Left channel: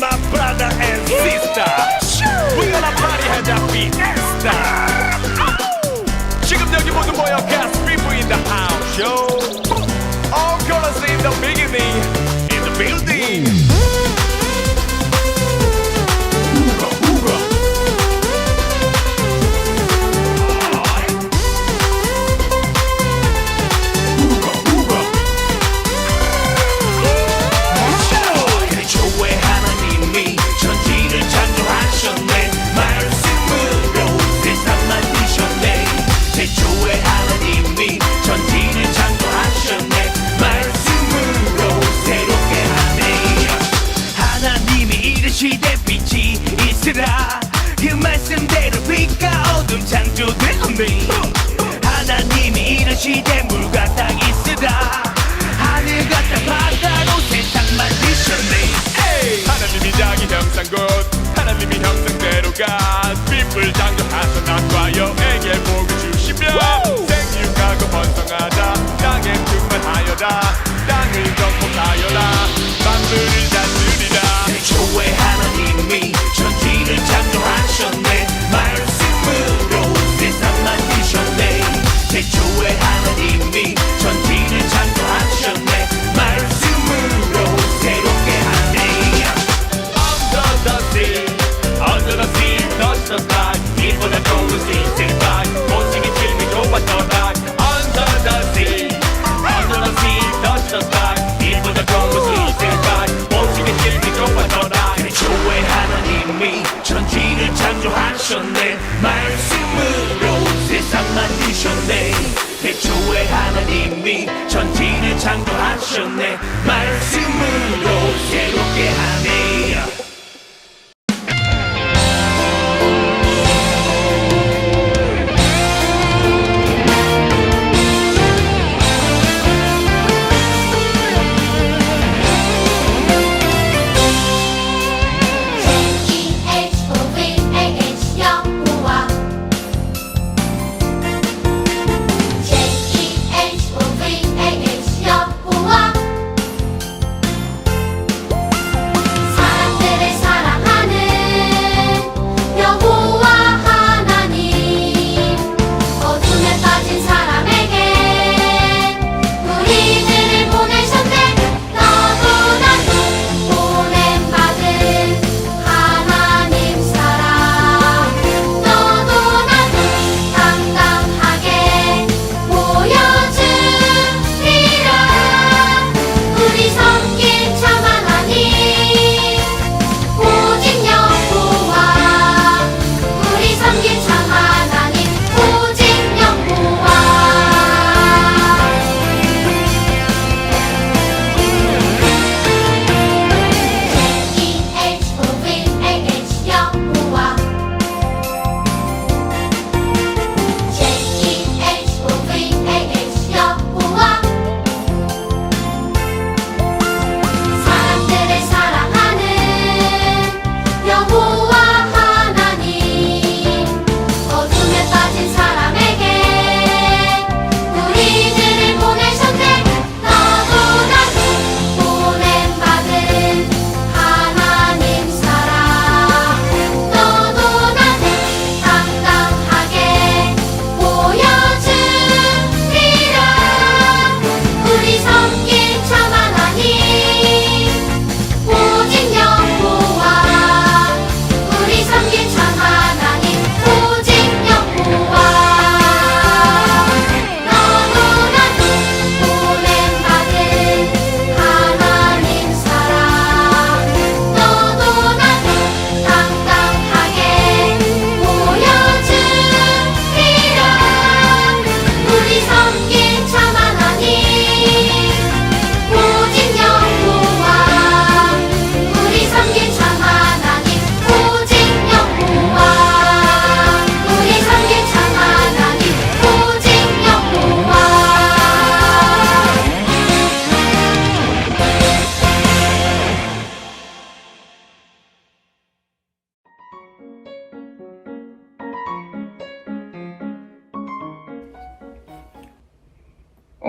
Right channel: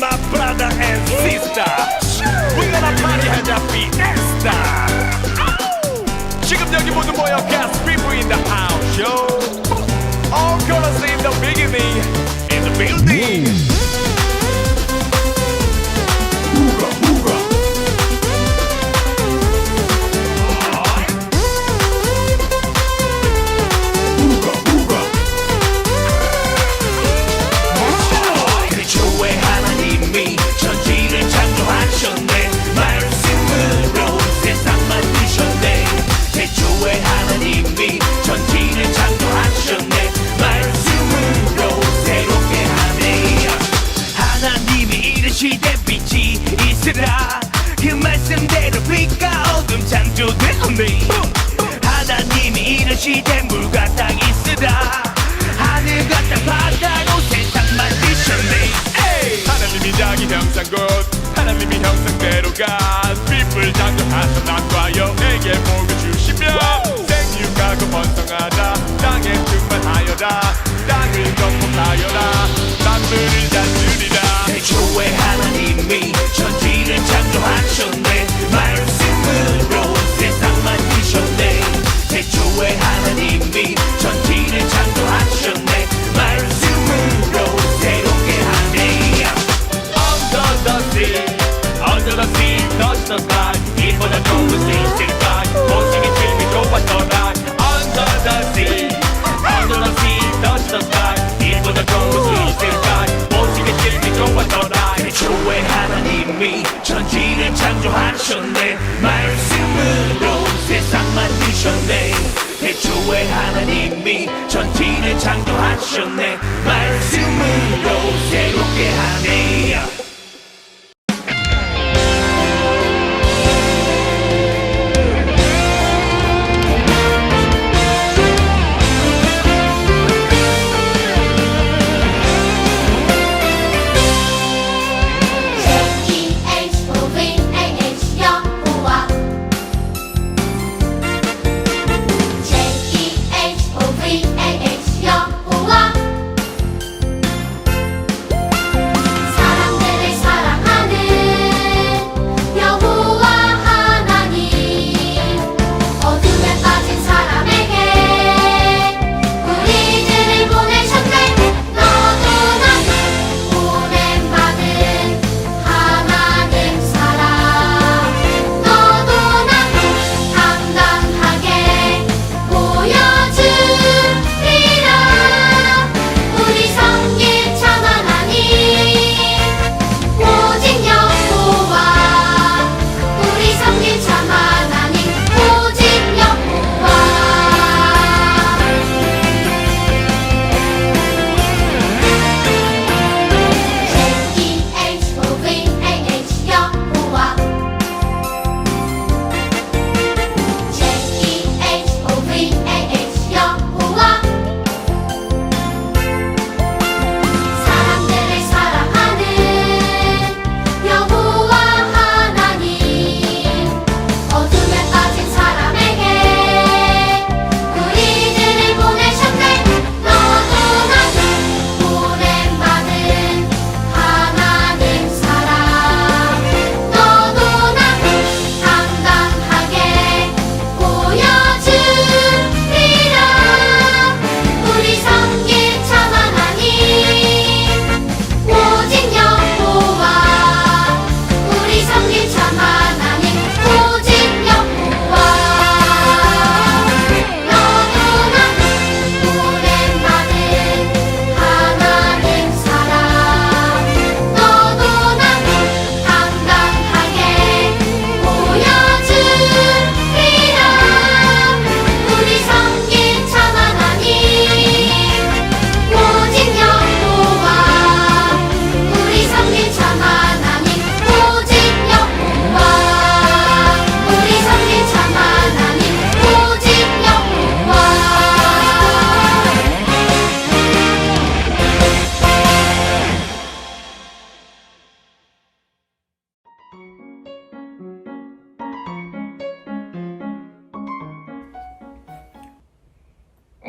my brother and sister. We gonna party 하자 fiesta. 지금 여기 모두 모여 got people in the house show. All colors in the beginning in the building. 천지를 창조하셨네 말씀으로 세상 만드셨네 태초에 하나님이 천지를 창조하셨네 말씀으로 새롭게 하네 하나님이 이르시되 빛이 있으라 그 말씀대로 빛과 어둠 창조되었네 하나님이 이르시되 물과 땅 있으라 하늘과 땅 바다로 세상 만드셨네 하나님이 자기 형상곧 하나님이 형상대로가 빛을 창조하셔 남과 여에게 복을 주시며 생육하고 번성하자 땅에 충만하여라 땅을 건복하여라 만물을 다스리라 태초에 하나님이 천지를 창조하셨네 말씀으로 세상 만드셨네 태초에 하나님이 천지를 창조하셨네 말씀으로 새롭게 하네 Under the sea, touch the sky 빛보다 좋은 신실까지 보시기 질미 좋았더라 Under the sea, touch the sky 빛보다 좋은 신실까지 보시기 질미 좋았더라 태초에 하나님이 천지를 창조하셨네 말씀으로 세상 만드셨네 태초에 하나님이 천지를 창조하셨네 말씀으로 새롭게 하네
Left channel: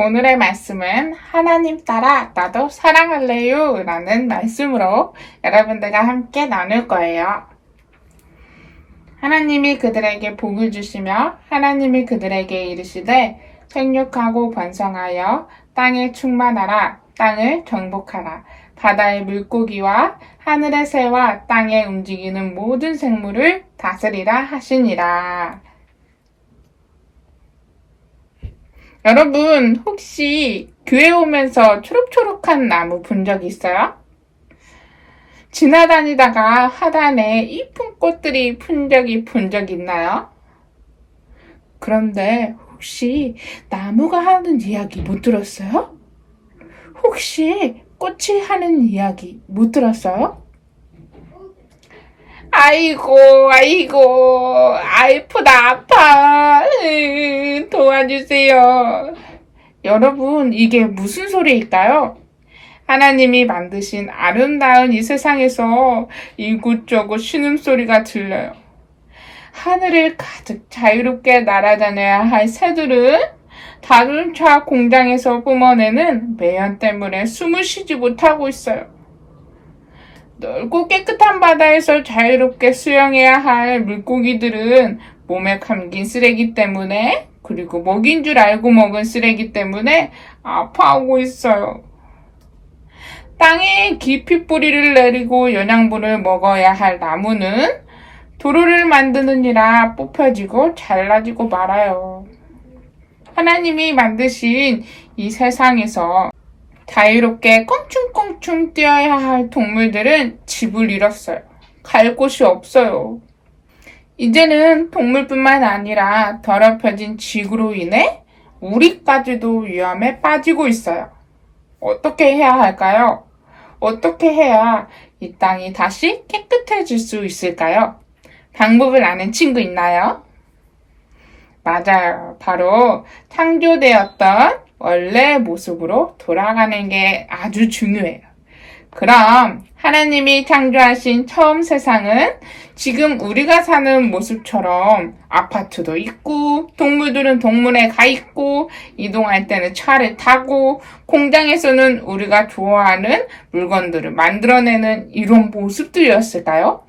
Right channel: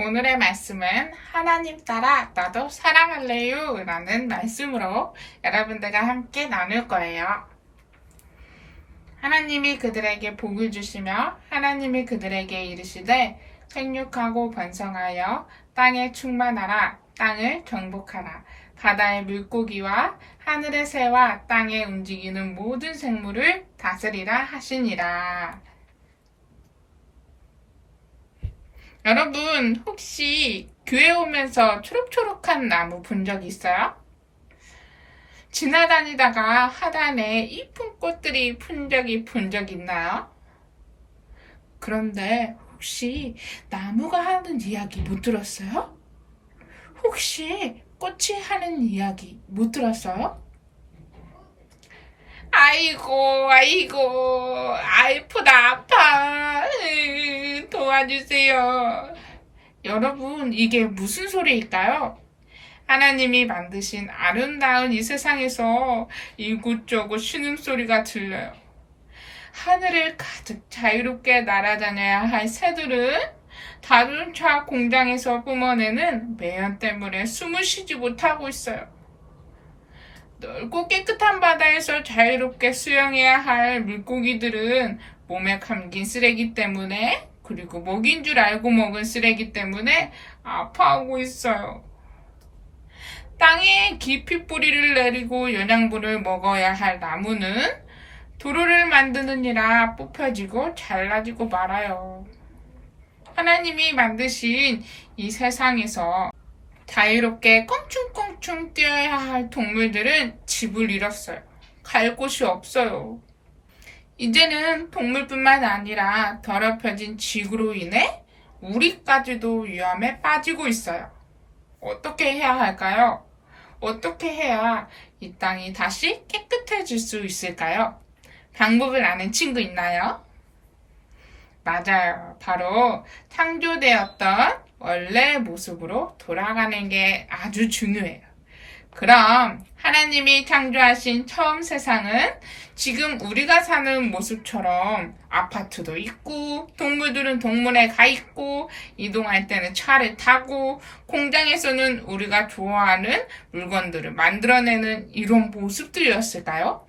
오늘의 말씀은 하나님 따라 나도 사랑할래요 라는 말씀으로 여러분들과 함께 나눌 거예요. 하나님이 그들에게 복을 주시며 하나님이 그들에게 이르시되 생육하고 번성하여 땅에 충만하라. 땅을 정복하라. 바다의 물고기와 하늘의 새와 땅에 움직이는 모든 생물을 다스리라 하시니라. 여러분, 혹시 교회 오면서 초록초록한 나무 본 적 있어요? 지나다니다가 하단에 이쁜 꽃들이 본 적 있나요? 그런데 혹시 나무가 하는 이야기 못 들었어요? 혹시 꽃이 하는 이야기 못 들었어요? 아이고, 아프다, 아파. 도와주세요. 여러분, 이게 무슨 소리일까요? 하나님이 만드신 아름다운 이 세상에서 이곳저곳 신음소리가 들려요. 하늘을 가득 자유롭게 날아다녀야 할 새들은 자동차 공장에서 뿜어내는 매연 때문에 숨을 쉬지 못하고 있어요. 넓고 깨끗한 바다에서 자유롭게 수영해야 할 물고기들은 몸에 감긴 쓰레기 때문에, 그리고 먹인 줄 알고 먹은 쓰레기 때문에 아파하고 있어요. 땅에 깊이 뿌리를 내리고 영양분을 먹어야 할 나무는 도로를 만드느니라 뽑혀지고 잘라지고 말아요. 하나님이 만드신 이 세상에서 자유롭게 껑충껑충 뛰어야 할 동물들은 집을 잃었어요. 갈 곳이 없어요. 이제는 동물뿐만 아니라 더럽혀진 지구로 인해 우리까지도 위험에 빠지고 있어요. 어떻게 해야 할까요? 어떻게 해야 이 땅이 다시 깨끗해질 수 있을까요? 방법을 아는 친구 있나요? 맞아요. 바로 창조되었던 원래 모습으로 돌아가는 게 아주 중요해요. 그럼 하나님이 창조하신 처음 세상은 지금 우리가 사는 모습처럼 아파트도 있고 동물들은 동물에 가 있고 이동할 때는 차를 타고 공장에서는 우리가 좋아하는 물건들을 만들어내는 이런 모습들이었을까요?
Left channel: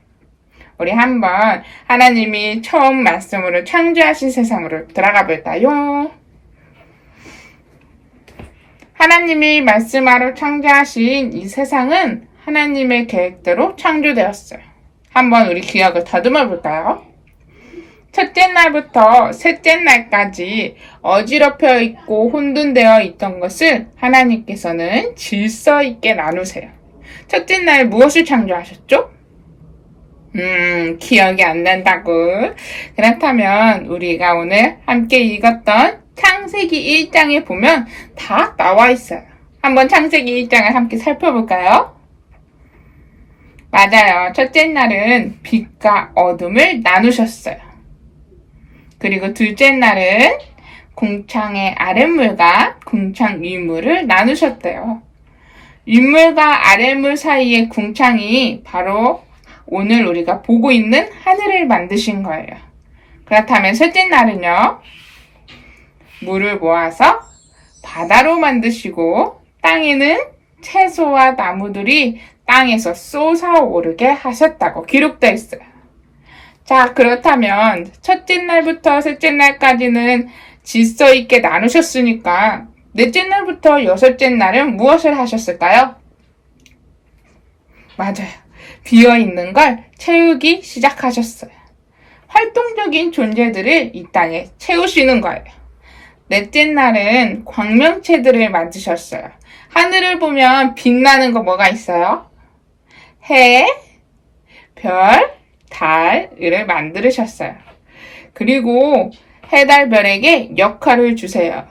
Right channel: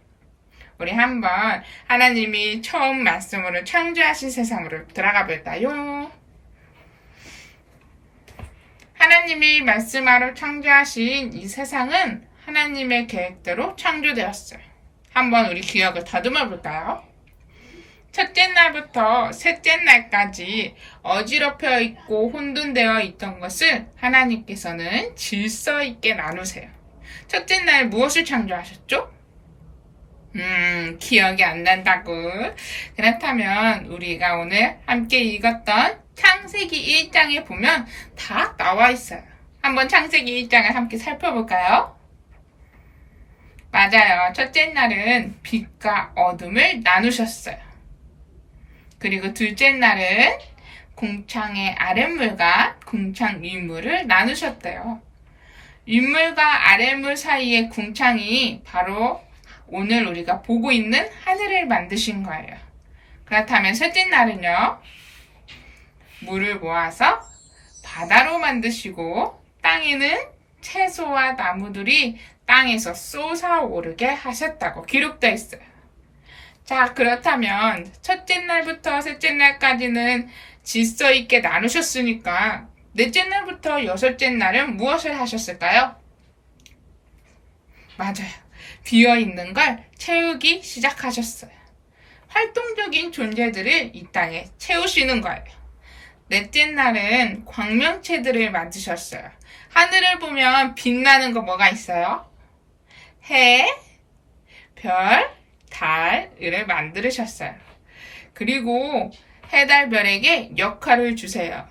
우리 한번 하나님이 처음 말씀으로 창조하신 세상으로 들어가 볼까요? 하나님이 말씀하러 창조하신 이 세상은 하나님의 계획대로 창조되었어요. 한번 우리 기억을 다듬어 볼까요? 첫째 날부터 셋째 날까지 어지럽혀 있고 혼돈되어 있던 것을 하나님께서는 질서 있게 나누세요. 첫째 날 무엇을 창조하셨죠? 기억이 안 난다고. 그렇다면 우리가 오늘 함께 읽었던 창세기 1장에 보면 다 나와 있어요. 한번 창세기 1장을 함께 살펴볼까요? 맞아요. 첫째 날은 빛과 어둠을 나누셨어요. 그리고 둘째 날은 궁창의 아랫물과 궁창 윗물을 나누셨대요. 윗물과 아랫물 사이의 궁창이 바로 오늘 우리가 보고 있는 하늘을 만드신 거예요. 그렇다면 셋째 날은요, 물을 모아서 바다로 만드시고 땅에는 채소와 나무들이 땅에서 솟아오르게 하셨다고 기록되어 있어요. 자, 그렇다면 첫째 날부터 셋째 날까지는 질서 있게 나누셨으니까 넷째 날부터 여섯째 날은 무엇을 하셨을까요? 맞아요. 비어있는 걸 채우기 시작하셨어요. 활동적인 존재들을 이 땅에 채우시는 거예요. 넷째 날은 광명체들을 만드셨어요. 하늘을 보면 빛나는 거 뭐가 있어요? 해, 별, 달을 만드셨어요. 그리고 해, 달, 별에게 역할을 주세요.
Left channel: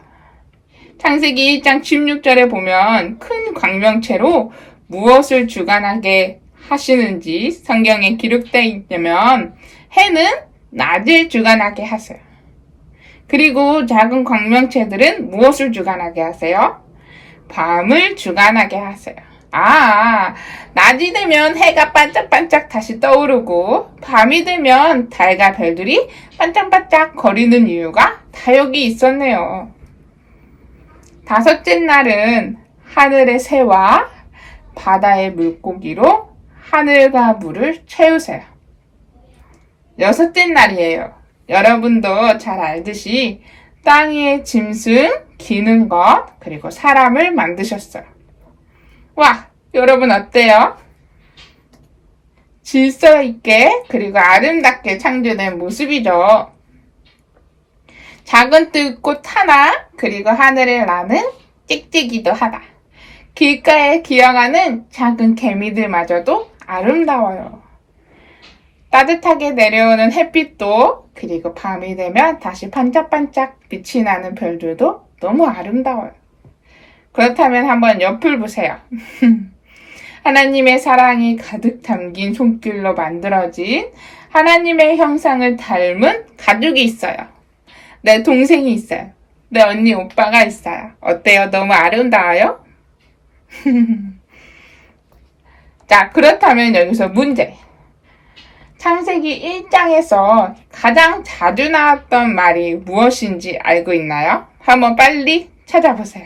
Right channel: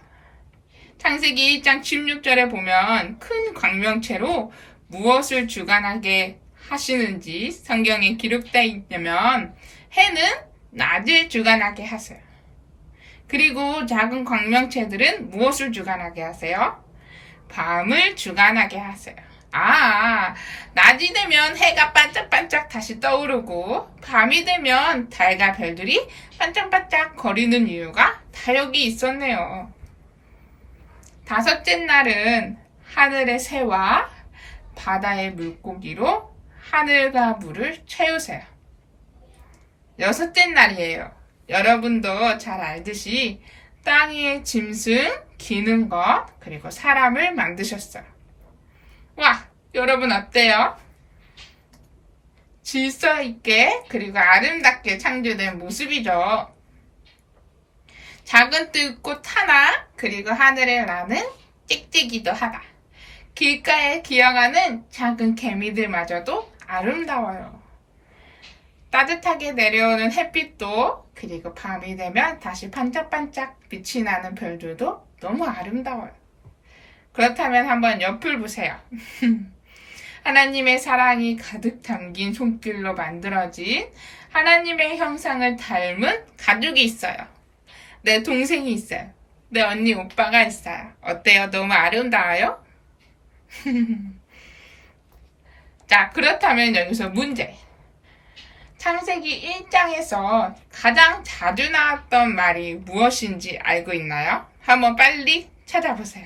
창세기 1장 16절에 보면 큰 광명체로 무엇을 주관하게 하시는지 성경에 기록되어 있냐면 해는 낮을 주관하게 하세요. 그리고 작은 광명체들은 무엇을 주관하게 하세요? 밤을 주관하게 하세요. 낮이 되면 해가 반짝반짝 다시 떠오르고 밤이 되면 달과 별들이 반짝반짝 거리는 이유가 다 여기 있었네요. 5째 날은 하늘의 새와 바다의 물고기로 하늘과 물을 채우세요. 6째 날이에요. 여러분도 잘 알듯이 땅 위에 짐승, 기는 것, 그리고 사람을 만드셨어요. 와, 여러분 어때요? 질서 있게 그리고 아름답게 창조된 모습이죠. 작은 들꽃 하나, 그리고 하늘을 나는 찍찍이도 하나. 길가에 기어가는 작은 개미들마저도 아름다워요. 따뜻하게 내려오는 햇빛도, 그리고 밤이 되면 다시 반짝반짝 빛이 나는 별들도 너무 아름다워요. 그렇다면 한번 옆을 보세요. 하나님의 사랑이 가득 담긴 손길로 만들어진 하나님의 형상을 닮은 가족이 있어요. 내 동생이 있어요. 내 언니, 오빠가 있어요. 어때요? 너무 아름다워요? 자, 그렇다면 여기서 문제. 창세기 1장에서 가장 자주 나왔던 말이 무엇인지 알고 있나요? 한번 빨리 찾아보세요.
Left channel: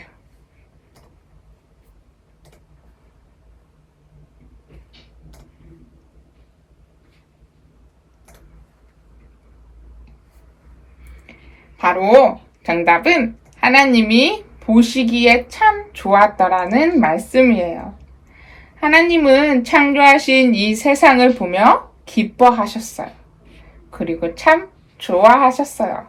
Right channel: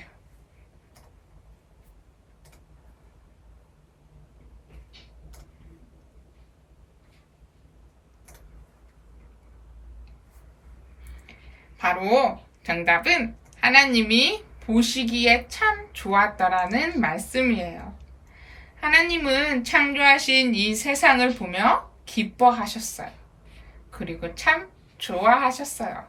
바로 정답은 하나님이 보시기에 참 좋았더라는 말씀이에요. 하나님은 창조하신 이 세상을 보며 기뻐하셨어요. 그리고 참 좋아하셨어요.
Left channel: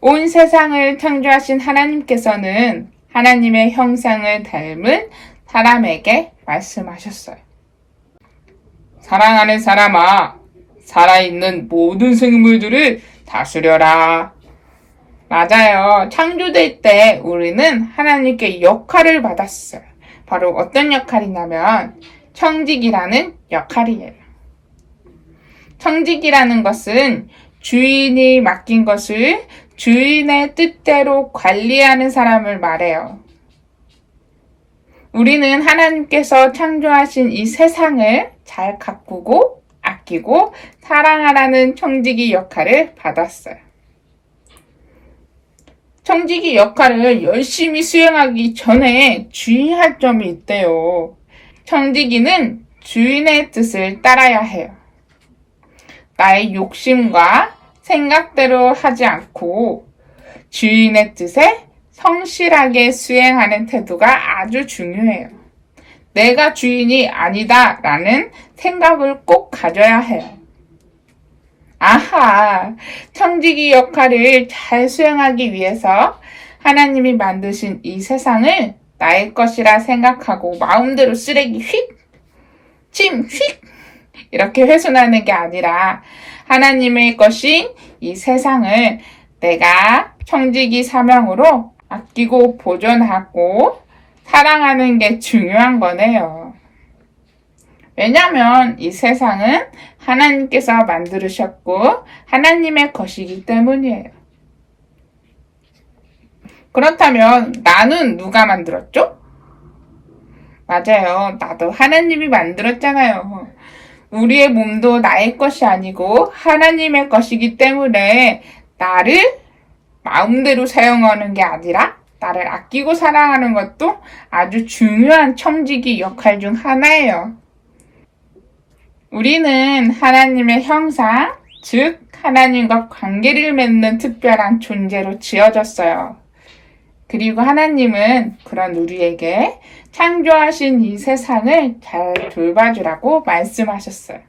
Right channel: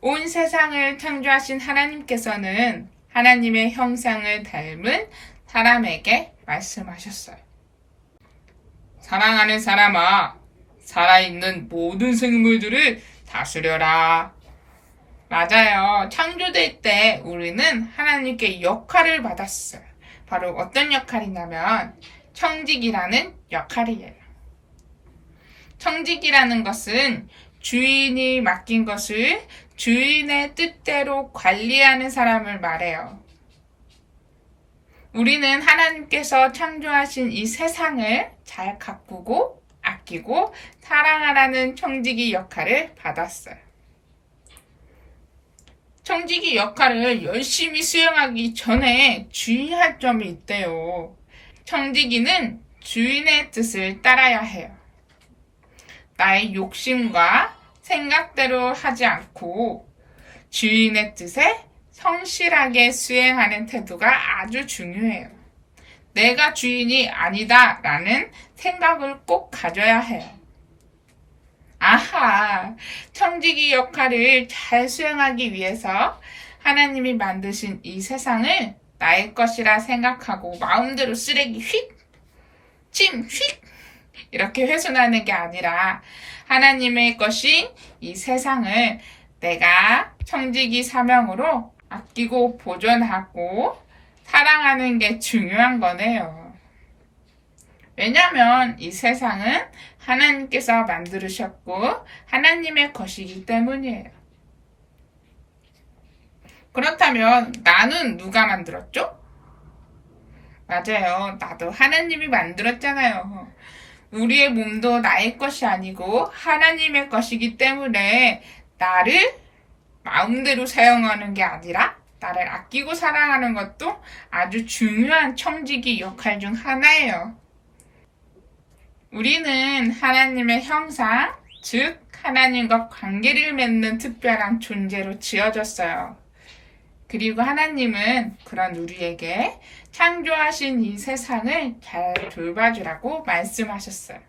온 세상을 창조하신 하나님께서는 하나님의 형상을 닮은 사람에게 말씀하셨어요. 사랑하는 사람아, 살아있는 모든 생물들을 다스려라. 맞아요. 창조될 때 우리는 하나님께 역할을 받았어요. 바로 어떤 역할이냐면 청직이라는 역할이에요. 청직이라는 것은 주인이 맡긴 것을 주인의 뜻대로 관리하는 사람을 말해요. 우리는 하나님께서 창조하신 이 세상을 잘 가꾸고 아끼고 사랑하라는 청지기 역할을 받았어요. 청지기 역할을 열심히 수행하기 전에 주의할 점이 있대요. 청지기는 주인의 뜻을 따라야 해요. 나의 욕심과 생각대로 하지 않고 주인의 뜻에 성실하게 수행하는 태도가 아주 중요해요. 내가 주인이 아니다 라는 생각을 꼭 가져야 해요. 아하, 청지기 역할을 잘 수행하기 위해서 하나님이 만드신 이 세상을 나의 것이라 생각하고 마음대로 쓰레기 휙, 침 휙 이렇게 훼손하는 게 아니라 하나님의 것인 이 세상을 내가 청지기 사명으로 아끼고 보존하고 사랑하는 게 중요한 거네요. 왜냐하면 이 세상은 하나님께서 만들으셨고 하나님의 것이기 때문이에요. 그렇다면 나는 누가 만들었죠? 맞아요. 나도 하나님이 만들었잖아요. 우리의 몸도 나의 것이 아니고 하나님의 것이기 때문에 나를 마음대로 사용하는 게 아니라 나를 아끼고 사랑하는 것도 아주 중요한 청지기 역할 중 하나예요. 우리는 하나님의 형상, 즉 하나님과 관계를 맺는 특별한 존재로 지어졌어요. 그리고 하나님은 그런 우리에게 창조하신 이 세상을 잘 돌봐주라고 말씀하셨어요.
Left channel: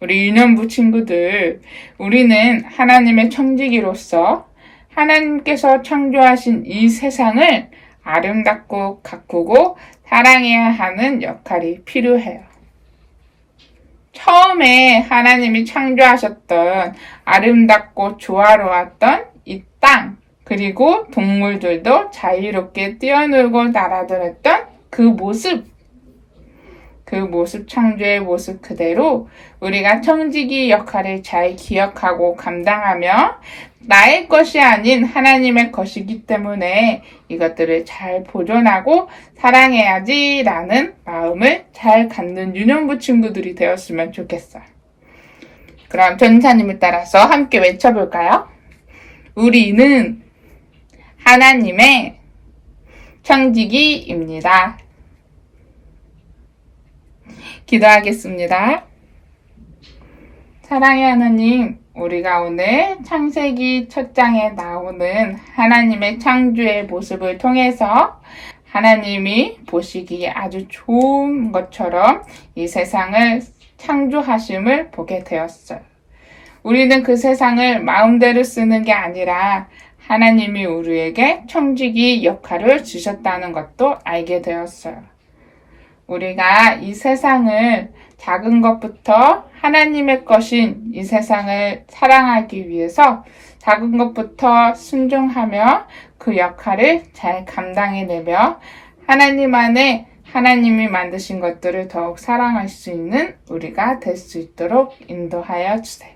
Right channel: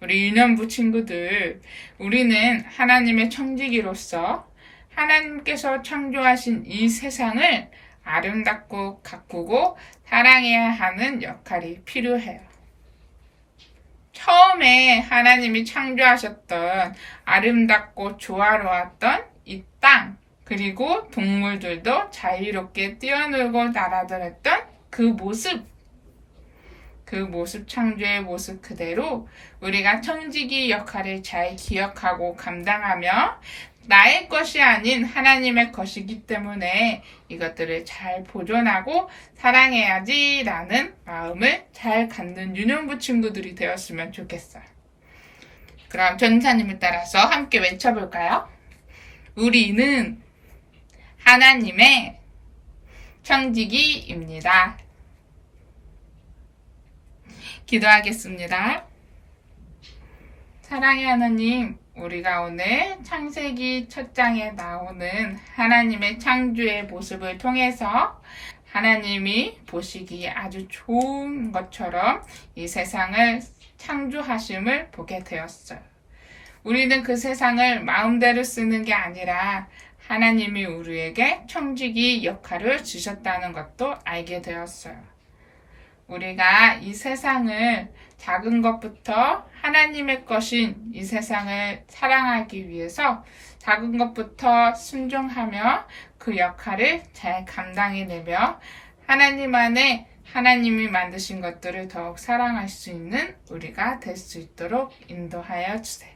우리 유년부 친구들, 우리는 하나님의 청지기로서 하나님께서 창조하신 이 세상을 아름답고 가꾸고 사랑해야 하는 역할이 필요해요. 처음에 하나님이 창조하셨던 아름답고 조화로웠던 이 땅, 그리고 동물들도 자유롭게 뛰어놀고 날아다녔던 그 모습 창조의 모습 그대로 우리가 청지기 역할을 잘 기억하고 감당하며 나의 것이 아닌 하나님의 것이기 때문에 이것들을 잘 보존하고 사랑해야지 라는 마음을 잘 갖는 유년부 친구들이 되었으면 좋겠어요. 그럼 전사님을 따라서 함께 외쳐볼까요? 우리는 하나님의 청지기입니다. 기도하겠습니다. 사랑의 하나님, 우리가 오늘 창세기 첫 장에 나오는 하나님의 창조의 모습을 통해서 하나님이 보시기에 아주 좋은 것처럼 이 세상을 창조하심을 보게 되었어요. 우리는 그 세상을 마음대로 쓰는 게 아니라 하나님이 우리에게 청지기 역할을 주셨다는 것도 알게 되었어요. 우리가 이 세상을 작은 것부터 하나님의 것인 이 세상을 사랑하기 위해서 작은 것부터 순종하며 그 역할을 잘 감당해내며 하나님 안에 하나님이 만드신 것들을 더욱 사랑할 수 있는 우리가 될 수 있도록 인도하여 주세요.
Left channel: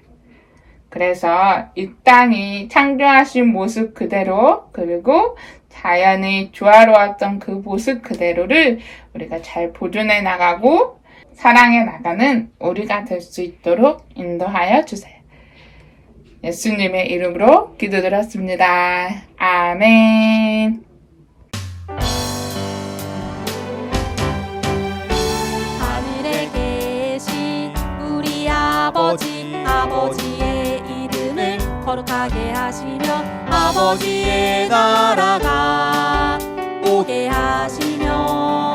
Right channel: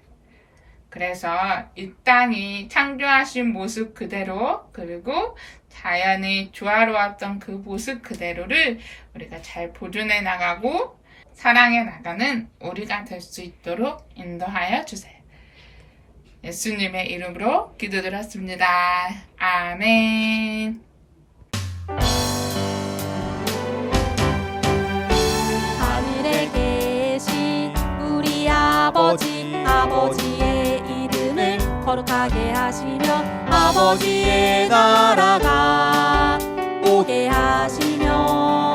그래서 이 땅이 창조하신 모습 그대로 그리고 자연이 조화로웠던 그 모습 그대로를 우리가 잘 보존해 나가고 사랑해 나가는 우리가 될 수 있도록 인도하여 주세요. 예수님의 이름으로 기도드렸습니다. 아멘. 하늘에 계신 우리 아버지의 이름을 거룩하게 하시며 아버지의 나라가 오게 하시며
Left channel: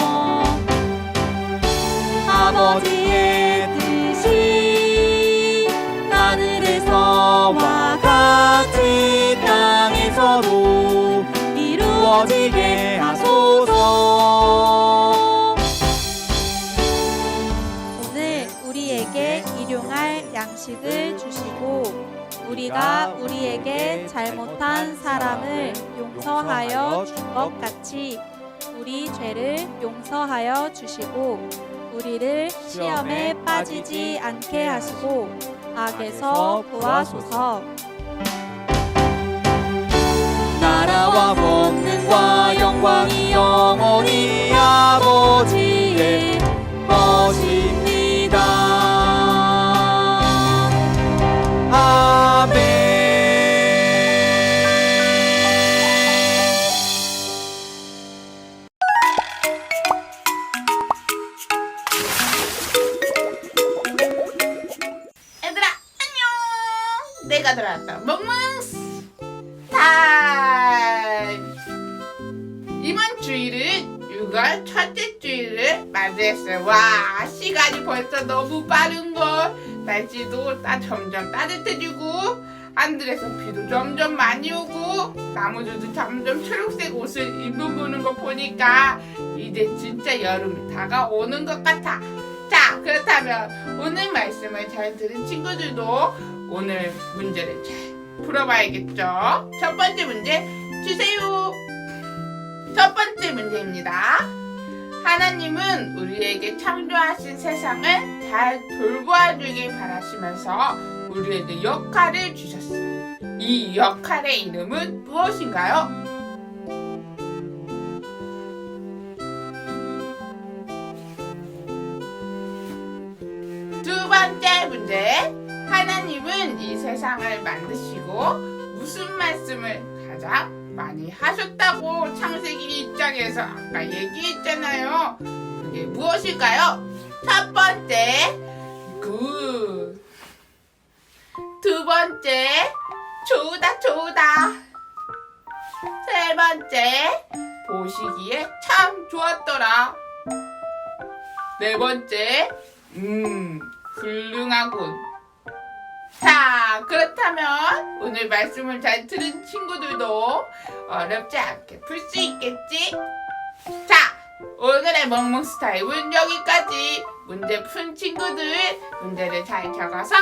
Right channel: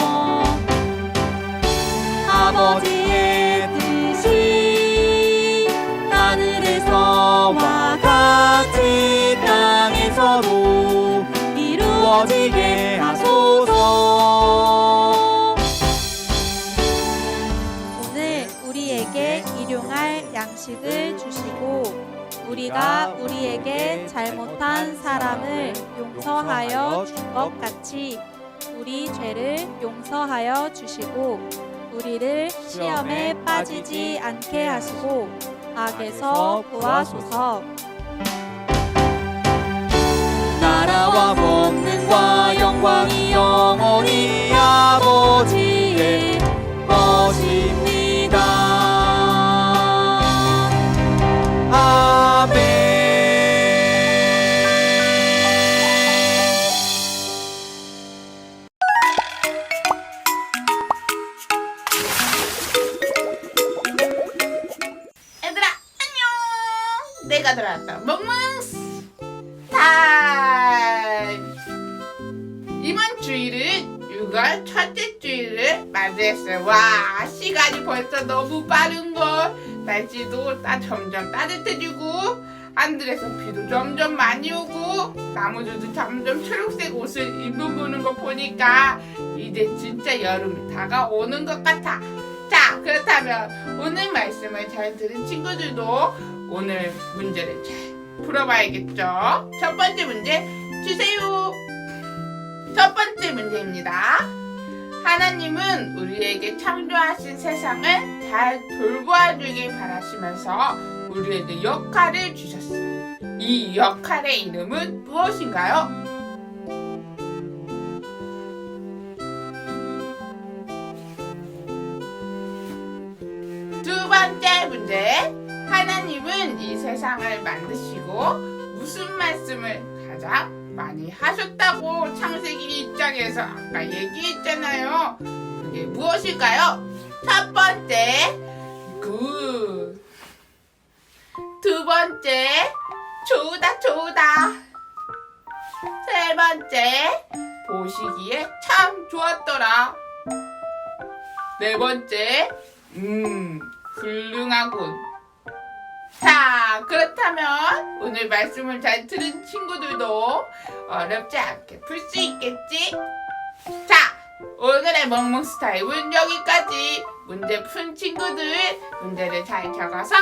아버지의 뜻이 하늘에서와 같이 땅에서도 이루어지게 하소서. 오늘 우리에게 일용할 양식을 주시고 우리가 우리에게 잘못한 사람을 용서하여 준 것 같이 우리 죄를 용서하여 주시고 우리를 시험에 빠지지 않게 하시고 악에서 구하소서. 나라와 권능과 영광이 영원히 아버지의 것입니다. 아멘. 얘들아 안녕. 내가 돌아왔다. 멍멍스 타임. 이번 주일은 6월 첫째 주일을 맞이했어요. 와, 시간이 벌써 너무 빠른걸. 날씨도 점점 따뜻해지고 하늘에서 비도 점점 많이 오고 나무들도 점점 초록색 옷을 입어보는 거 보니까 이제 진짜 여름이 다가오는 것 같아. 자, 그렇다면 오늘 말씀을 잘 들은 친구들도 오늘 문제를 잘 풀어봐야겠죠. 첫 번째 문제 주세요. 첫 번째 문제입니다. 하나님은 우리에게 창조하신 세상을 잘 돌보아주길 바라시면서 우리에게 역할을 주셨어요. 이 역할의 이름은 무엇인가요? 두 번째 문제. 하나님은 이 세상을 만드시고 무슨 말씀을 가장 많이 하셨다고 창세기 1장에서 아까 얘기했잖아요. 그게 무엇일까요? 첫 번째, 굿. 두 번째, 좋다. 세 번째, 보시기에 참 좋았더라. 네 번째, 훌륭하군. 자, 그렇다면 오늘 말씀을 잘 들은 친구들도 어렵지 않게 풀 수 있겠지? 자, 오늘의 멍멍스 타임은 여기까지. 문제 푼 친구들 문제를 잘 적어서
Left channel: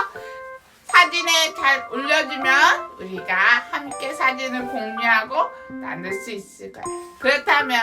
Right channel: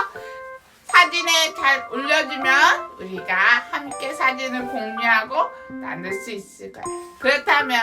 사진에 잘 올려주면 우리가 함께 사진을 공유하고 나눌 수 있을 거야. 그렇다면